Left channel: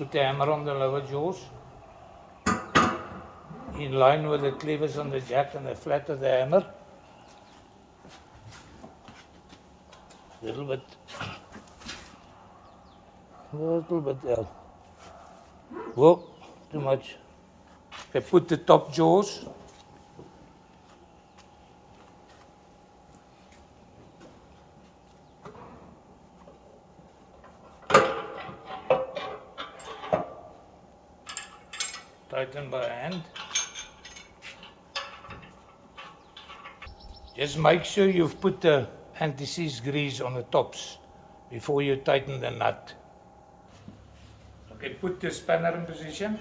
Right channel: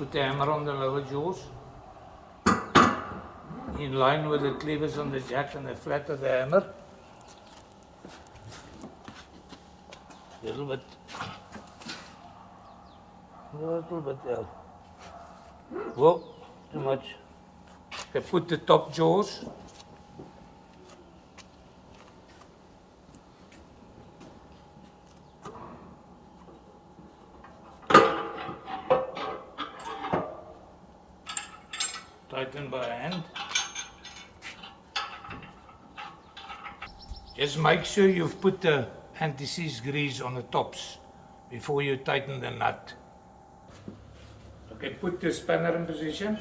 Put the hammer on the lower jaws, in line with the cleavers on the jack and the flat of the hammer. Little bit out. Whoa, too much. Okay, put the top jaws. Tighten by hand. Just make sure you've put the anti-seize grease on the tops before you tighten the nut. Okay, put the spanner in position.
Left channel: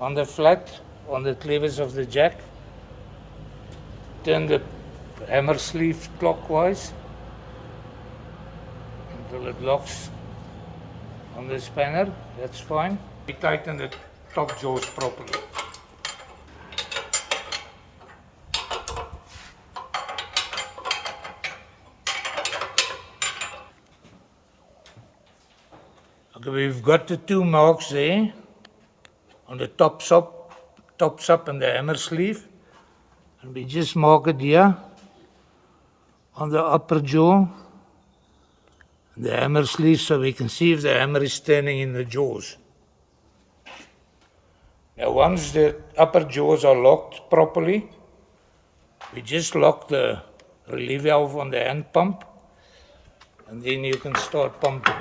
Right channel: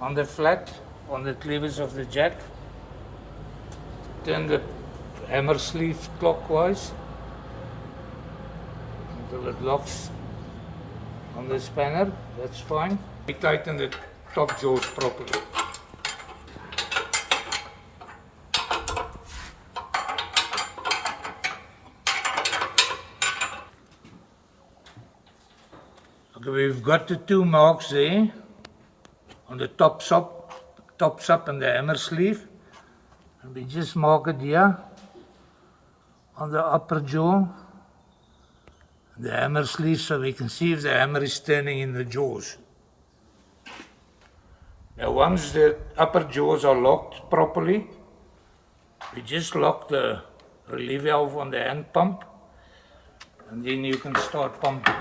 On the flat, on the cleavers of the jack. Turn the hammer sleeve clockwise until it locks on the spanner. That's fine. We tighten the top jaws properly. Okay, we've got the two marks there on the tops up and the hammer sleeve, and we just mark it here on the upper jaw and the hammer sleeve, so we can see if the hammer is turning in the jaws. Now once the upper jaws are locked properly, we just lock the relief valve on the hand pump, and then you can start pumping.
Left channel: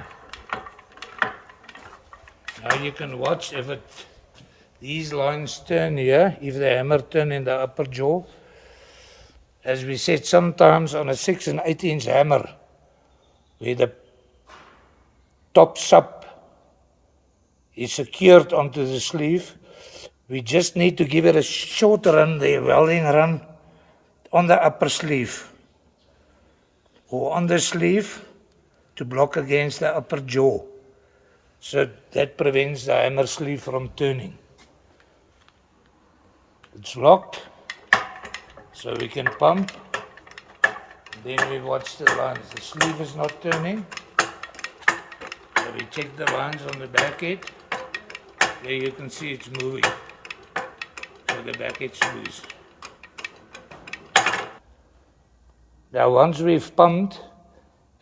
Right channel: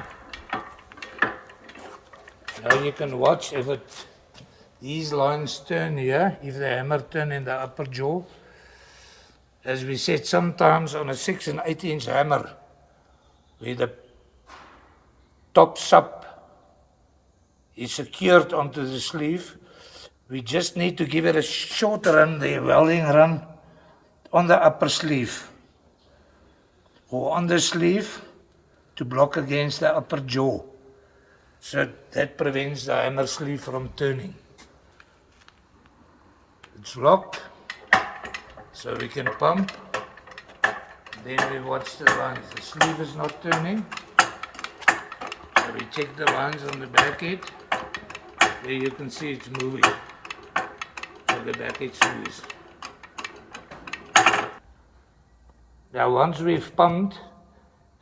Now you can watch if these lines turn here, if the hammer turn in the upper jaw. As we said, sometimes on a 6 and 8 inch hammer, where the top sub is secured onto the sleeve, we just need to give it a short run, the welding run, on the upper sleeve or on the sleeve to block against the upper jaw. So that prevents the hammer sleeve from turning. It's locked, so we can pump. Then we watch the lines. The sleeve is not turning. So we check the lines on the back head. There you can see it's moving. So the back head moves. Now once we've pumped,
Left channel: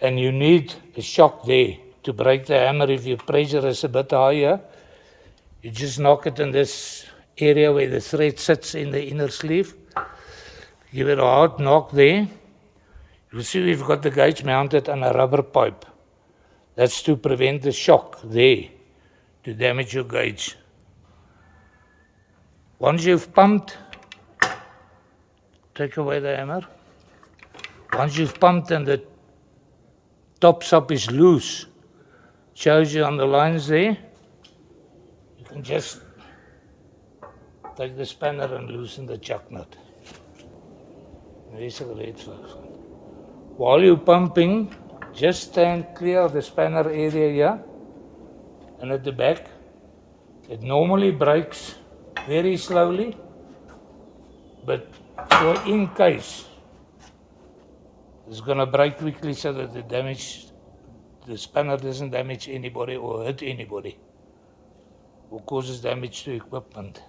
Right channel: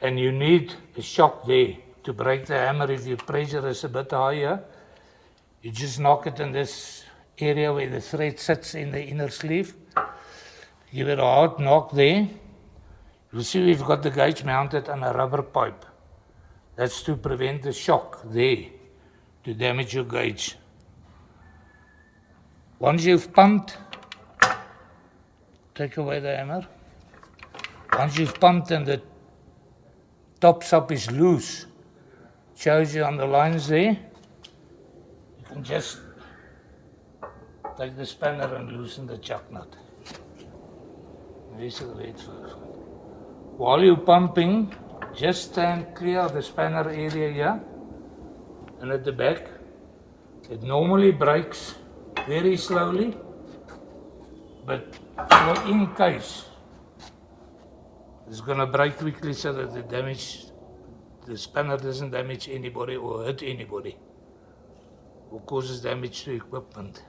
and you need a shock there to break the hammer if your pressure is a bit higher, you just knock it in this area where the thread sits in the inner sleeve. Give it a hard knock there. You'll see we've got the gauge mounted on a rubber pipe. That's to prevent the shock there to damage your gauge. Once you've pumped, take away the hammer. Once you've pumped and the top sub is loose, shows you on the lines there, you can just take the spanner and loosen the chuck nut. There's a red flag. While you're pumping, just stand clear of the spanner area here and at the back. It normally breaks very slowly, but in case, it's going to break quickly so that the spanner doesn't damage anybody or hurt anybody or causes damage to equipment.